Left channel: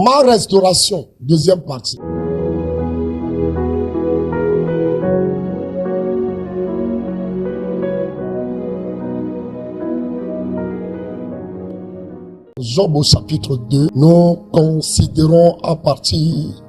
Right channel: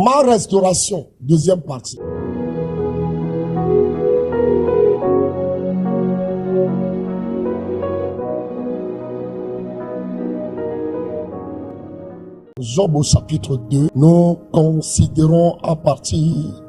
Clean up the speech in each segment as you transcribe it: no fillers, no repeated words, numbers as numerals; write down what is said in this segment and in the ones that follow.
Ma restauration, deuxième partie. Job au chapitre 2, nous considérons à partir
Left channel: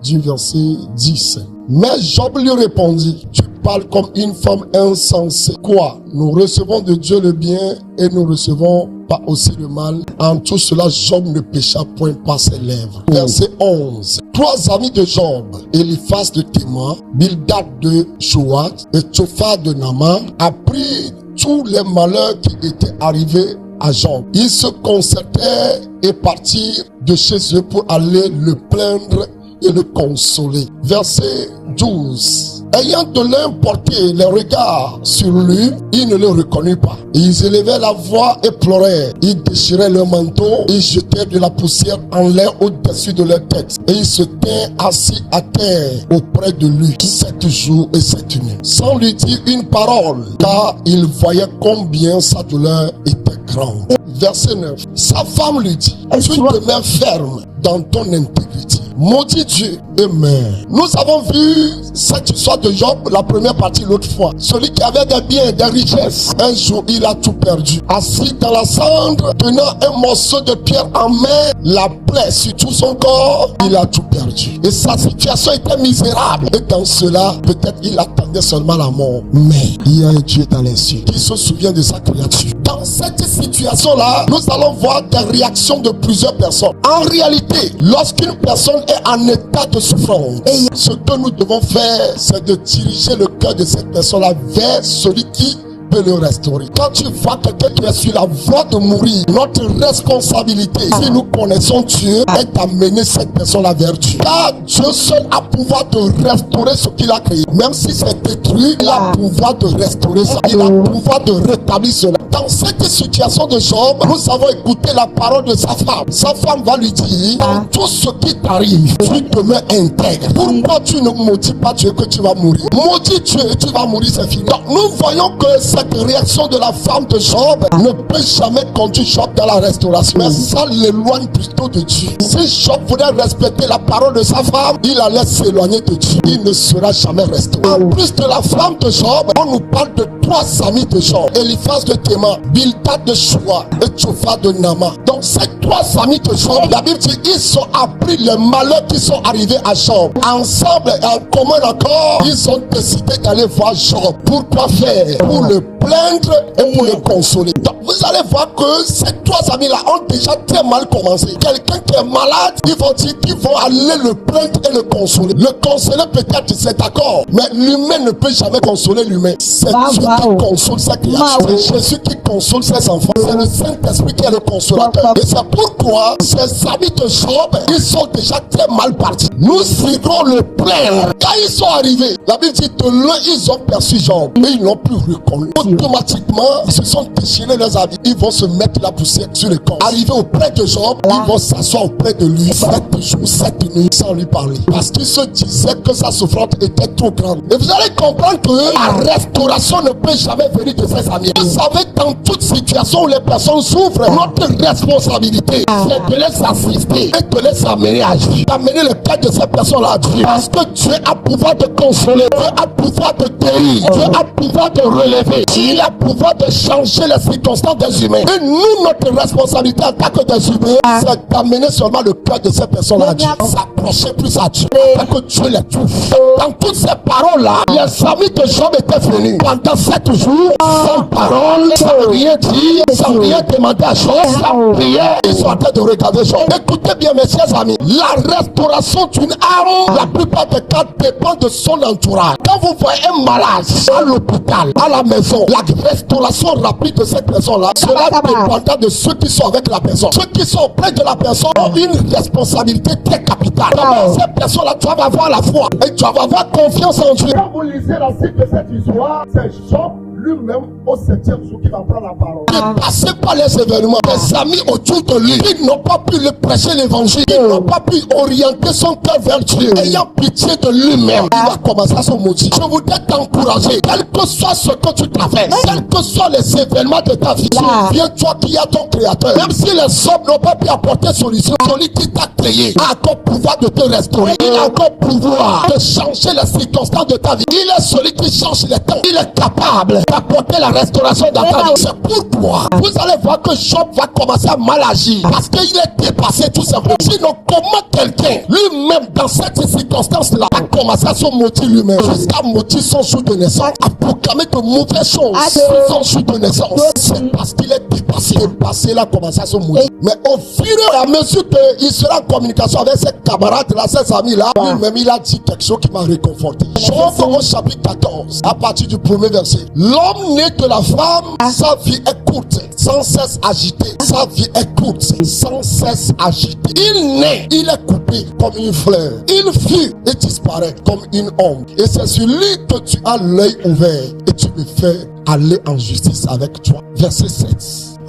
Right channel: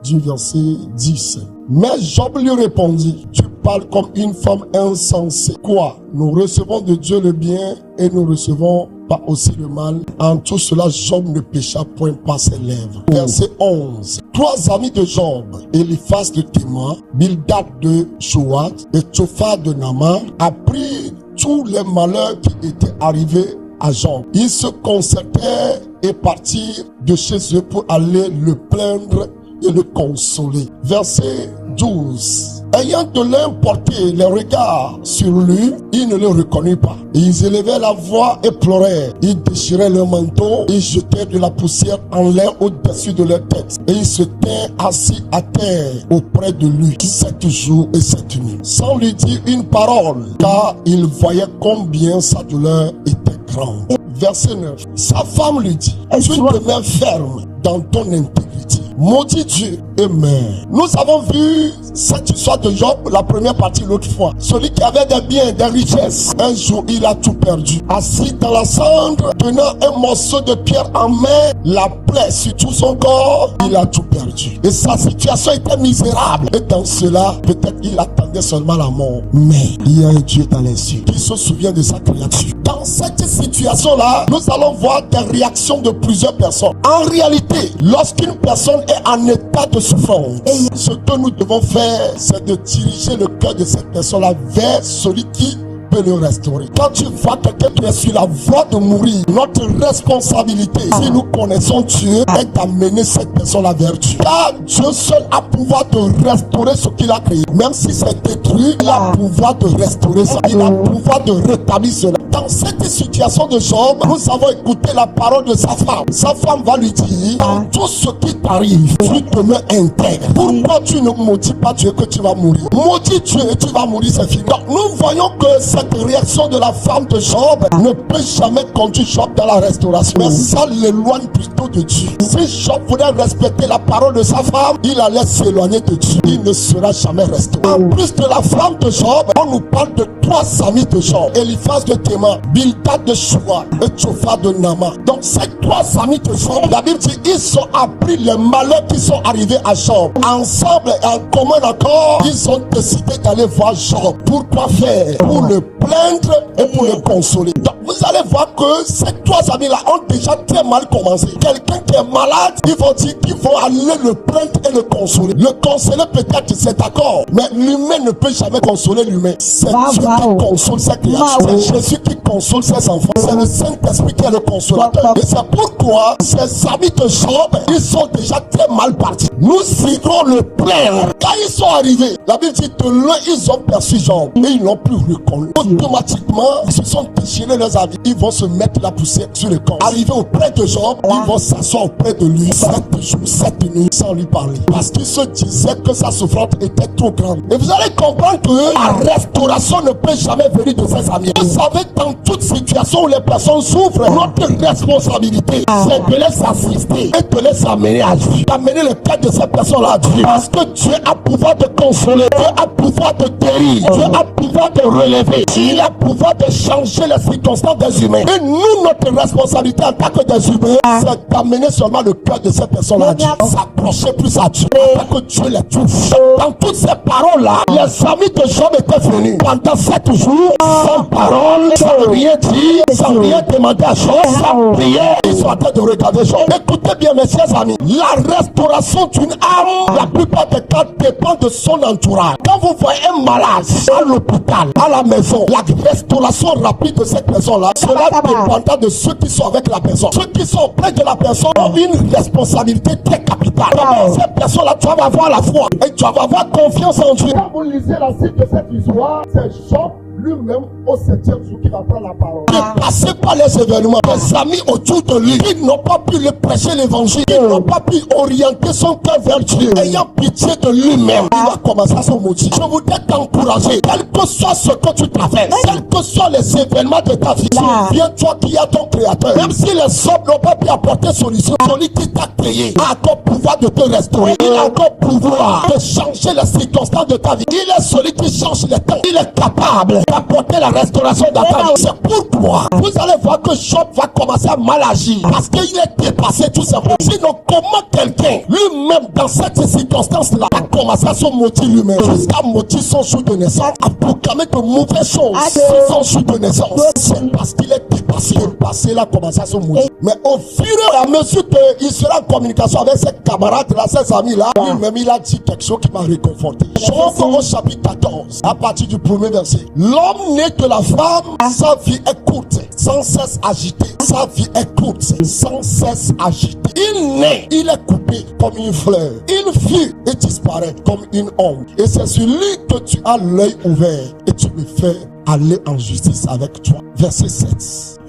du verset 10. Mais Job lui répondit, tu parles comme une femme insensée. Quoi? Nous recevons de Dieu le bien et nous recevons pas aussi le mal. En tout cela, Job ne pécha point par ses lèvres. Verset 11. Trois amis de Job, Eliphaz de Théman, Bildad de Shoat et Topha de Naama, apprirent tous les malheurs qui étaient arrivés à Job. Ils se concertèrent et partirent de chez eux pour aller le plaindre et le consoler. Verset 12. Ayant de l'un porté les regards sur lui, ils ne le reconnurent pas. Ils élevaient la voix et pleuraient. Ils déchiraient leur manteau, ils jetaient de la poussière en l'air au-dessus de leur tête. Et ils se tinrent assis à terre auprès de lui 7 jours et 7 nuits, sans lui dire une parole, car ils voyaient combien sa douleur était grande. Verset 9. Sa femme lui dit, tu demeures ferme dans ton intégrité. Maudit Dieu. Amen. Nous avons vu cette histoire de Job, la première partie l'autre fois. Celui qui avait des biens, des richesses, un jour il a tout perdu. Assis dans la cendre, tenant un morceau de pierre en main, la plaie sur tout son corps, il a tout perdu. Et sa situation était misérable. Et dans cela, peut-être il attendait seulement la mort. Mais il y a un Dieu dans les cieux qui se souvient de sa créature. Dans cette situation-là, nous allons voir des réactions de plusieurs personnes. En réalité, lorsqu'une personne est en état de souffrance, ce que nous devons faire, c'est de diriger le cœur de cette personne-là vers celui qui peut le restaurer. Quand tu vois quelqu'un qui est sur la voie de mourir, notre responsabilité, si nous connaissons Dieu, est d'amener cette personne-là vers Dieu. Car Dieu seul a pouvoir de restaurer ce qu'il a créé. Même si c'est détruit, il a pouvoir de restaurer ça. Il a pouvoir de rétablir cela. Dans cette situation de Job, nous avons écouté la parole de sa femme. Sa femme va lui dire, tout ce qui t'arrive, tu demeures intègre. Pourquoi tu ne maudis pas Dieu que tu vas mourir? Maudis Dieu et tu vas mourir, c'est fini. Donc, nous voyons que cette réaction de la femme de Job ne peut jamais conduire Job dans la restauration. Mais ça l'éloigne plutôt de Dieu. Si Job voulait respecter la parole de sa femme, il allait s'éloigner de Dieu. Il ne sera jamais restauré. En plus de la femme de Job, on nous parle de trois amis de Job. Eliphaz de Théman, Bildad de Shoat et Topha de Naama. Donc ces trois amis de Job, la Bible dit, ils ont appris les malheurs qui sont arrivés à Job. Ensemble et en commun accord, ils ont décidé d'aller voir Job. Pourquoi faire? Pour le plaindre et pour le consoler. Donc vous allez voir que ces trois amis-là ont déjà très mal commencé. Quelqu'un qui est malade, ils vont dire qu'ils vont aller le plaindre et le consoler. Le consoler peut-être c'est d'accord, mais l'humain ne peut jamais consoler l'humain. C'est Dieu qui console sa créature. C'est Jésus qui console ses enfants. C'est le Saint-Esprit qui est le consolateur. Et c'est pourquoi ces amis de Job, ils sont déjà très mal partis. Nous irons le plaindre. Quand ils sont arrivés, la Bible dit de loin ils ont perçu Job et ils n'ont plus reconnu. Automatiquement, ils se sont déchirés leurs habits. Ils vont se mettre la poussière sur le corps. Arrivés auprès de Job, ils vont s'asseoir auprès de lui 7 jours, 7 nuits sans lui parler. Parce qu'ils se disaient que sa souffrance était trop grande. Et vous allez comprendre que la restauration ne peut jamais venir de ses amis. Vous savez, dans toute situation où les personnes souffrent, notre responsabilité, c'est de les assister et de les amener à Dieu. D'amener le cœur de ces personnes-là à Dieu. Parce que Dieu a pouvoir de consoler, Dieu a pouvoir de guérir, Dieu a pouvoir de relever. Il a pouvoir de changer les circonstances des humains. Et nous, notre responsabilité en tant que des humains, c'est d'amener seulement le cœur de ces personnes-là à Dieu. S'approcher plus à Dieu. Pour que Dieu les touche. Dans toutes ces paroles-là, les amis de Job étaient venus pendant 7 jours, sans parole, sans rien dire, sans rien demander à Job, sans prier. Ils sont en train de regarder Job. Écoutez bien, mes chers amis, la restauration d'une âme, la plupart des cas, dépend de son entourage. Quand vous voyez un malade à l'hôpital, à la maison, la restauration rapide de cette personne-là, cela dépendra de ceux qui sont avec la personne. Ceux qui sont auprès de la personne ont une responsabilité très capitale. Cette personne-là, tu vas avoir la foi et tu vas avoir confiance en Dieu. Quand vous lisez la suite de cette histoire, c'est Job lui-même au 7e jour qui va prendre la parole. Il est passé par les événements. Des amis autour de lui qui n'ont pas pu lui prêcher l'évangile, qui n'ont pas pu orienter son cœur vers Dieu. Ayant pitié de lui-même, il va commencer à se maudire. Je voudrais t'encourager, quel que soit ce que tu traverses, quels que soient les événements de ta vie, souviens-toi qu'il y a ton créateur. Même si les hommes n'ont pas pu apporter solution, celui qui t'a créé a encore pouvoir de te restaurer. Il a encore pouvoir de changer les circonstances de ta vie. Il est celui qui change les temps. Il est capable d'apporter la restauration dans ta vie. C'est pour toi. Vous allez voir que Job va commencer à mal agir parce qu'il est dépassé tout simplement. Sinon, comment quelqu'un lui-même dans cette circonstance-là a commencé à se maudire lui-même jusqu'à maudire son jour de naissance, à proclamer de mauvaises choses sur son jour de naissance? C'est parce qu'il est dépassé. Dépassé, il a commencé à se maudire. Mais au fur et à mesure qu'il sera en communication avec ses camarades, là, ses amis là, lui-même il a dit quelque chose qui m'a réconforté. Job au chapitre 14, à partir du premier verset. L'homme né de la femme, sa vie est courte, sans cesse agité. Sa vie est courte, sans cesse agité. Il naît, il est coupé comme une fleur. Il vit et disparaît comme une ombre. Et c'est sur lui que tu as l'œil ouvert et tu me fais aller en justice avec toi. Verset 7.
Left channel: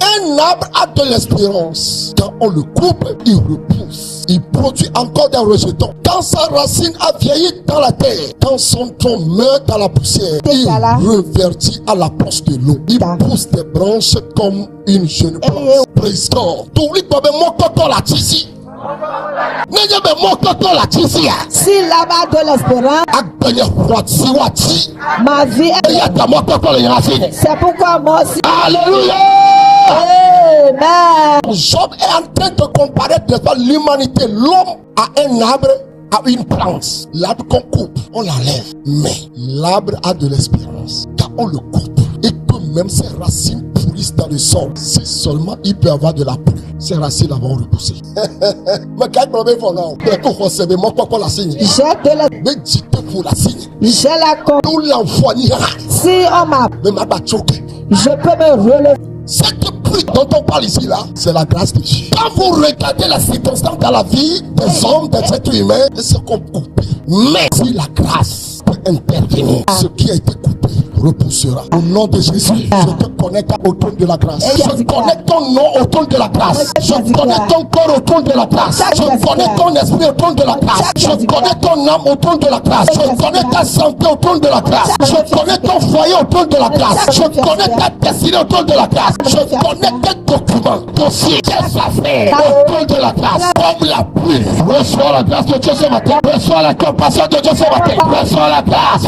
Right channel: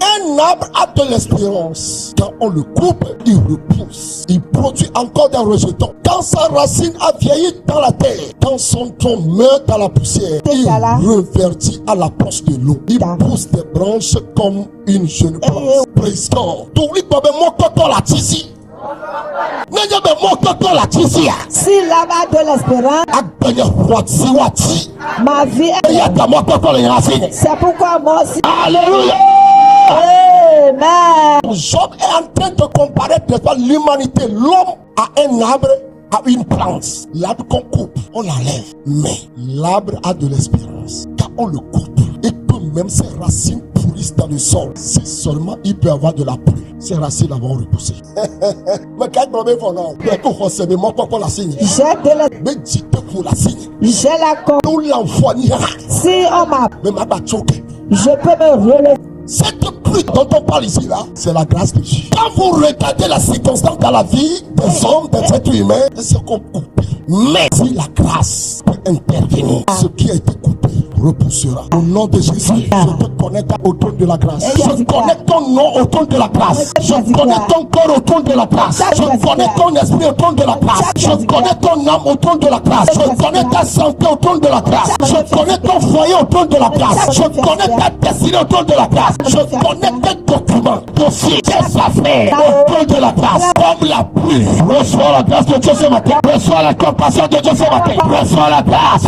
Un arbre a de l'espérance. Quand on le coupe, il repousse. Il produit encore des rejetons. Quand sa racine a vieilli dans la terre, quand son tronc meurt dans la poussière, il revertit à l'approche de l'eau. Il pousse des branches comme une jeune plante. Praise God. T'oublies que mon coton la tisi. Si l'âme a de l'espérance, ma vie est... C'est pourquoi moi aussi. Alléluia. Amen. Job est en train de comparer devant l'humanité. L'homme a un arbre, a une plante. L'arbre qu'on coupe, on l'enlève. Mais l'arbre a de l'espérance. Quand on le coupe et que même ses racines pourrissent dans le sol, c'est seulement il peut avoir de la pluie. Ses racines vont repousser. Mais quand on veut voir, c'est moi quoi la signe. Mais dites pour la signe. J'ai la con. Nous l'envoie. Si on m'a. Mais ma choqué. Je peux me relever. Cette pluie dont on parle ici là, c'est la grâce de Dieu. Quand vous regardez la circonstance dans la vie des hommes, des êtres humains, c'est qu'on coupe. Mais si la grâce peut intervenir, ce qui a été coupé repoussera. Au nom de Jésus, je te connecte au trône de la grâce. Je connecte ton nom au trône de la grâce. Je connecte ton corps au trône de la grâce. Je connecte ton esprit au trône de la grâce. Je connecte ton âme au trône de la grâce. Je connecte ta santé au trône de la grâce. Je connecte ton foyer au trône de la grâce. Je connecte ta destinée au trône de la grâce. Je connecte tes documents, dossiers, tes affaires au trône de la grâce. Comme la pluie. Reçois la grâce de Dieu ce matin. Reçois la compassion de Dieu ce matin. Reçois la grâce.